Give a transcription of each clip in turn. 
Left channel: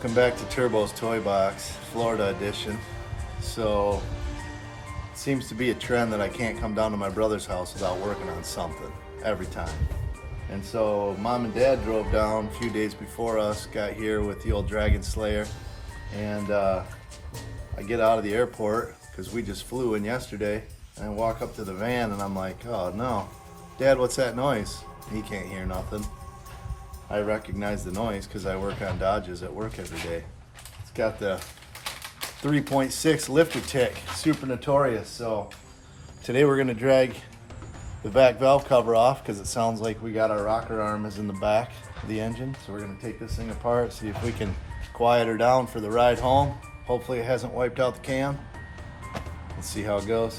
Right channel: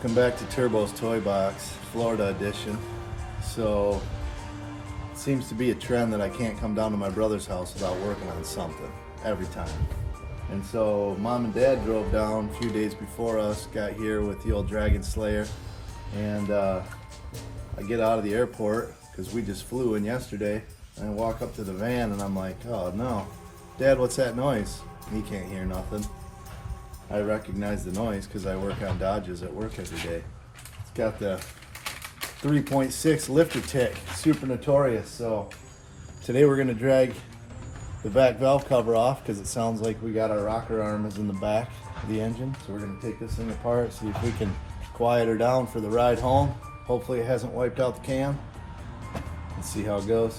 Welcome back to Turbo's Toy Box, Florida edition. So, it seems to be a trend that I can't come down to my brother's house without working on something, every time. And so, Mom and Dad drove down a few days before us, got here with the old Dragon Slayer, and I get out of the airport, because we just flew in yesterday, and I walk up to the van and I'm like, oh no, Dad, what's that noise? He can't hear nothing. I recognize the noise because I work on Dodges at work every day. It's got the 3.6 lifter tick, super notorious. So today we're gonna drag the back valve cover off because it sounds like we got our rocker arm is in the back of the engine. So we're gonna take this thing apart, see if we can quiet her down for the ride home. Hopefully it hasn't wiped out the cam. Let's see how it goes.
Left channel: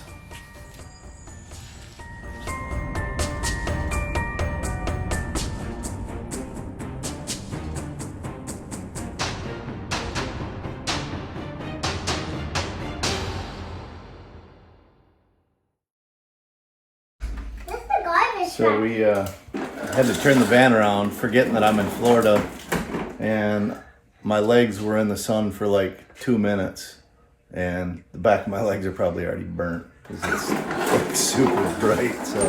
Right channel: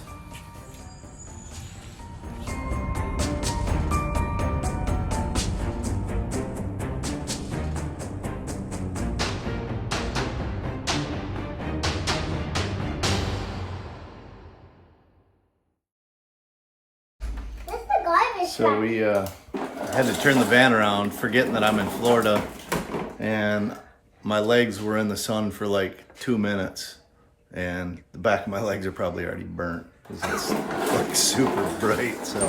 So we had to turn the van around, forgetting that I'm in Florida, and my legs were in the sun for like 2 minutes, and the back of my legs are probably already burnt because it's like super bright. So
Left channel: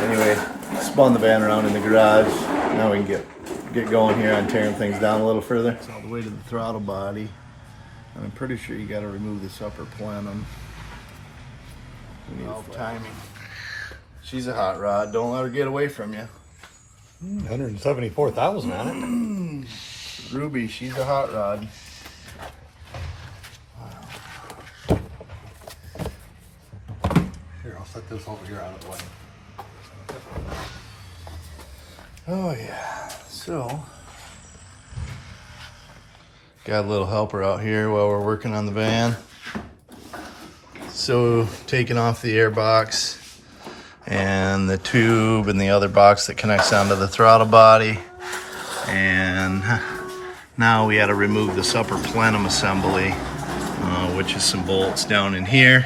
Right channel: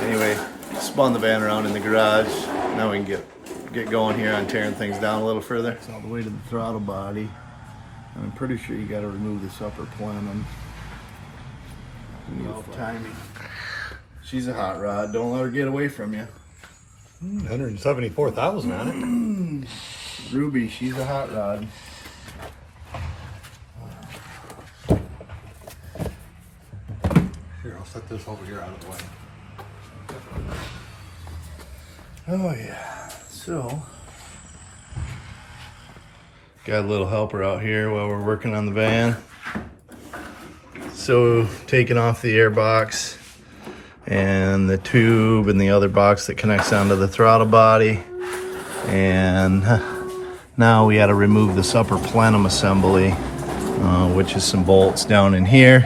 anyway, spun the van around in the garage. Now we can get going here on tearing things down a little further. It's all the way to the throttle body. And I'm pretty sure you got to remove this upper plenum. Valve timing. She's a hot rod. Don't let her get away from you. 174,000 on it. Ruby, she's a hot rod. Here, I'll set this over here out of the way. Oh yeah. So, got a little helper out here while we're working on the van. So, taking off the air box and the tube and the other box that connects onto the throttle body, and now we got to remove this upper plenum assembly, which is some bolts down in here.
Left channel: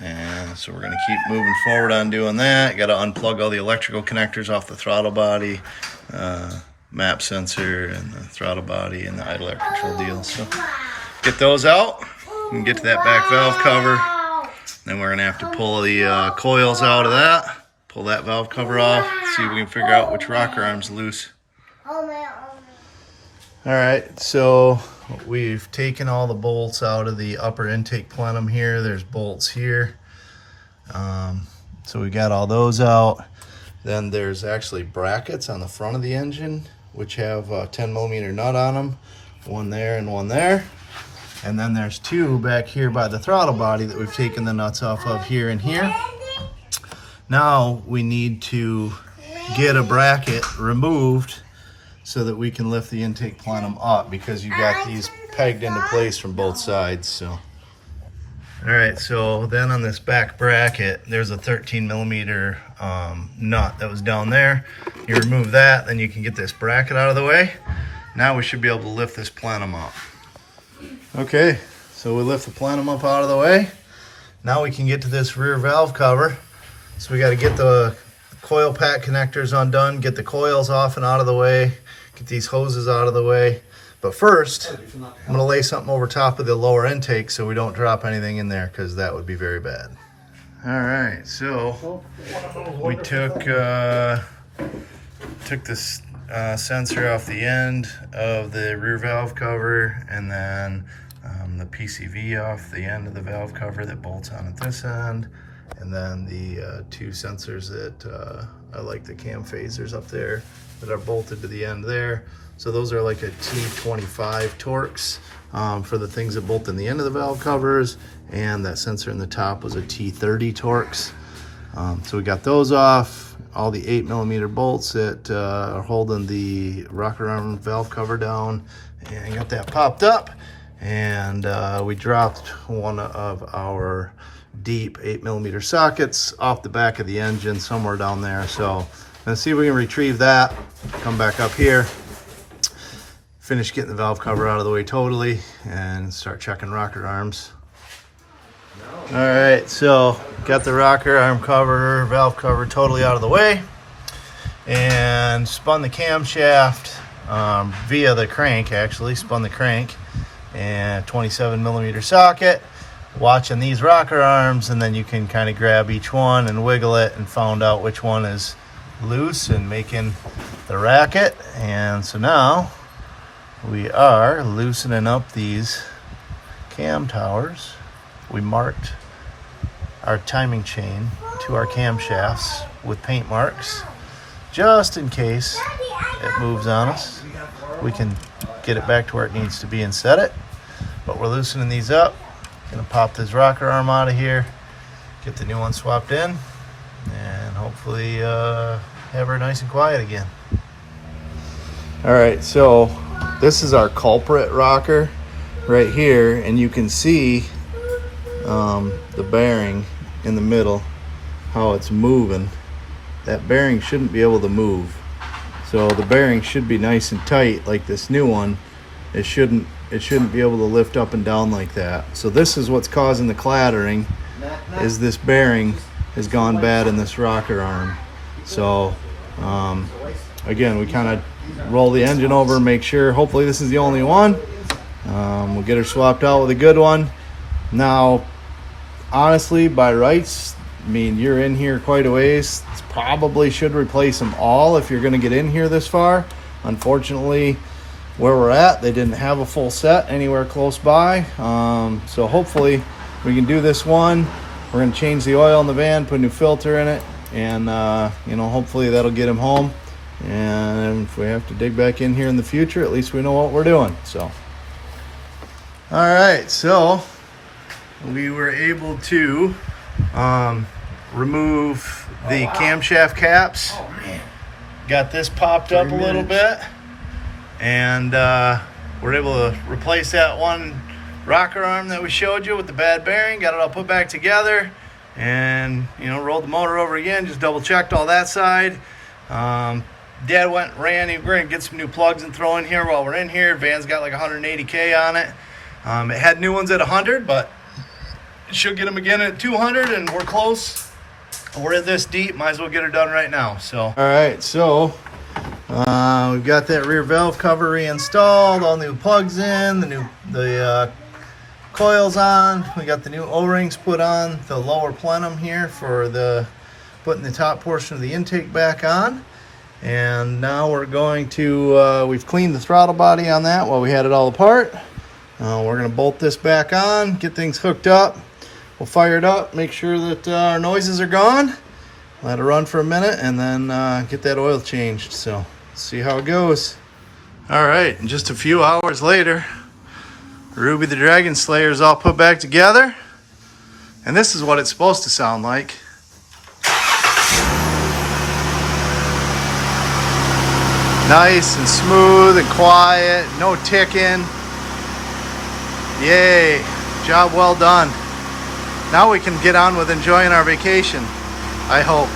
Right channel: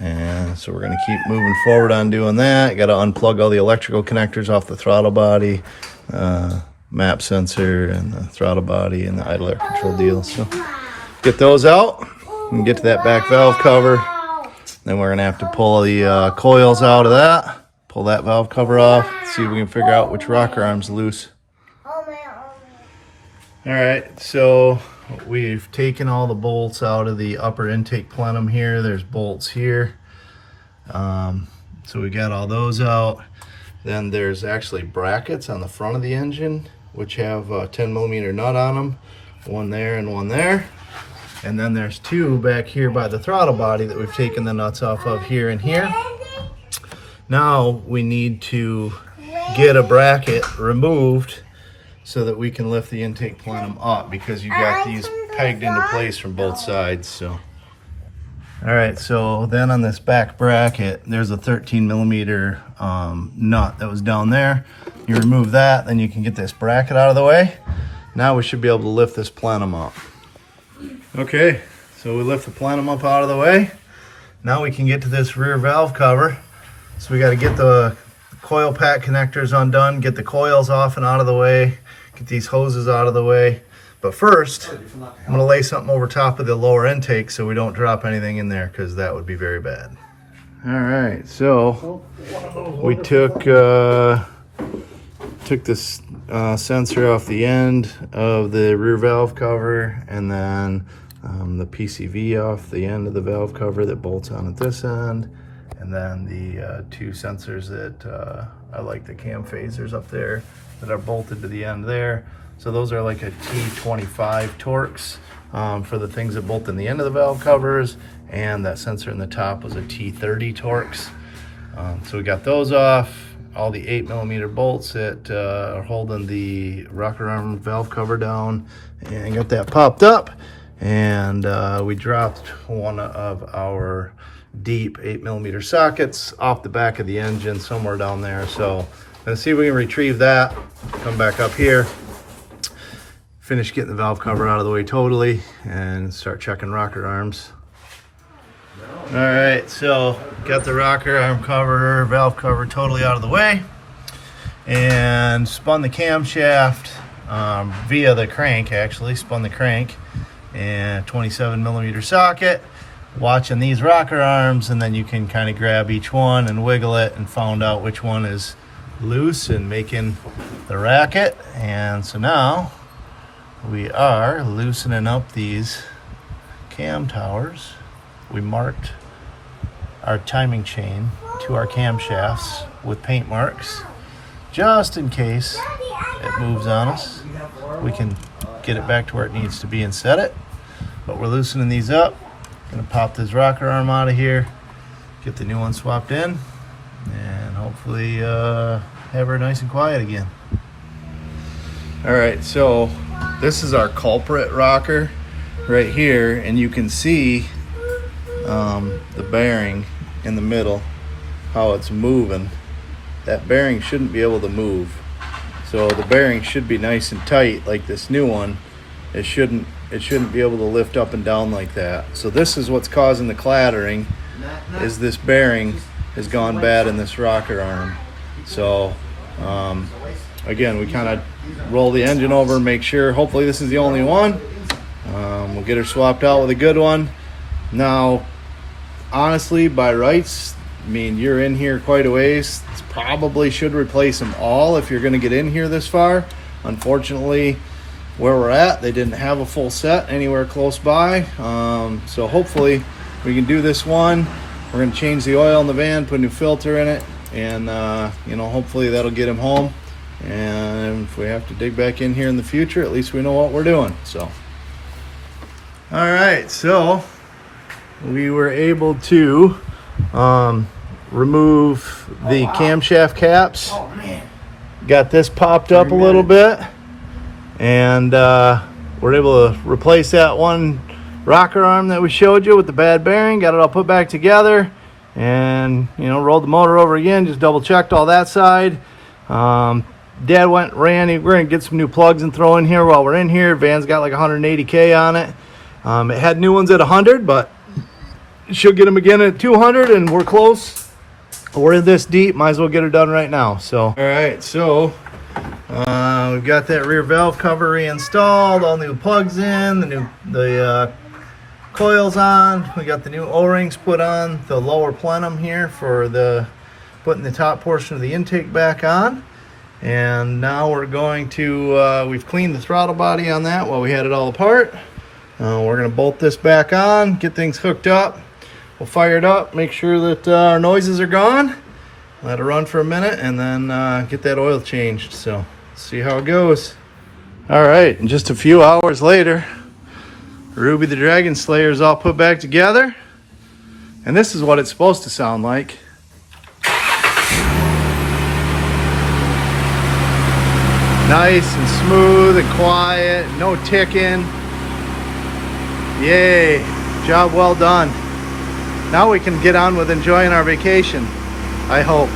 And so we're going to keep moving forward on doing that. Got to unplug all the electrical connectors off the throttle body, map sensor and the throttle body and the idle air control deal. So get those out and get to that back valve cover. Then we're gonna have to pull the coils out of that, pull that valve cover off, see if we can figure out which rocker arm's loose. All right, so we've taken all the bolts out of the upper intake plenum here. There's bolts here. So we got all those out. Then there's actually brackets on the front of the engine, which have a 10mm nut on them. One there and one there. And then there's two back here by the throttle body that we've taken the nuts off of here and here. Now we need to get a bracket removed so that we can lift the intake plenum up, because you've got these pegged into place from both sides. So, all right, so then on this back bracket, there's a 13mm nut that was down there. You remove that, then you can get this bracket out of the way. Now we should be able to lift this plenum up. Okay, so we lift the plenum up out of the way. Now we can get to this rear valve cover. So we got to get the coil pack connectors undone, get the coils off and out of the way, get these hoses out of the way. But first, I'm going to lay something over top of the lower intake so we don't drop anything in there, because that would be very bad. All right, so we took this sensor off the end of the rear valve cover, and then the PCV off the end of the valve cover that bolts on at this end, and then the two sensors that I like the cam phasers up there that are bolted to the end there. So those are like a T25 Torx for the things that bolt in the end of the valve covers, and that sensor in the top was a T30 Torx. So we got those off. All the 8mm bolts that are holding the rocker arm valve cover down, and got that popped up. And we dropped one of our deep 8mm sockets off the back of the engine somewhere down there. So let's see if we can retrieve that, come back up here, finish getting the valve cover out of the way totally, and start checking rocker arms. All right, so got the rocker arm cover, valve cover totally out of the way, and spun the camshaft via the crank, actually spun the crank, and 27mm socket, watching these rocker arms, and then you can kind of grab each one and wiggle it and found out which one is loose and making the racket. And so now we are loosening up these cam towers. We marked our timing chain to our camshafts with paint marks just in case it moves on us. We can get it back to where it needs to be and set it. But we're loosening these up. Gonna pop this rocker arm out of here, get the new one swapped in, and hopefully have her nice and quiet again. All right, so this is our culprit rocker right here, and you can see the bearing in the middle, how it's moving. That bearing shouldn't be able to move. So the bearing should be nice and tight like this new one. It shouldn't be able to lift up and down like that. So this is what's causing the clattering, is this bearing has gone bad in this rocker arm. So again, we kind of roll the engine over and make sure, hopefully this is the only one. We'll get her swapped out with a good one. Now, honestly, by rights, I mean, you're in here quite a ways. Probably should replace them all if you're going to get in here this far. Unfortunately, where we're at, they didn't have a full set anywhere close by. So hopefully we can do this one. We're going to change the oil in the van, put a new filter in it, and you know, hopefully that'll get him home. And if we have to dig back in here in the future, at least we know what we're doing. So, all right, so we were able to remove the camshaft caps. Oh man. Got this popped up a little bit, and we're able to replace that one rocker arm that we showed you with the bad bearing. Got it all put back together, and you know, rolled the motor over again, just double checked all that side. Dad ran, we're gonna get some new plugs and throw in here while we're in here. Van's got like 180K on it. It had new ones at 100, but she'll get them again at 200, and we're close. We're this deep, might as well get her done right now. So, all right, so we've got that rear valve cover reinstalled, all new plugs in, the coils on. We got the new O-rings put on the lower plenum here for the putting the top portion of the intake back on. And now we're going to we've cleaned the throttle body on that while we had it all apart. We're gonna bolt this back on, get things hooked up. We'll fire it up, make sure that our noises are gone, let it run for a minute, and then get that oil changed. So, see how it goes. All right, and just a few hours later, Ruby the Dragon Slayer is all put back together. And this is what it's supposed to sound like. Nice and smooth and quiet, no ticking. Yay, job well done. Now we can get on with enjoying our vacation, I hope.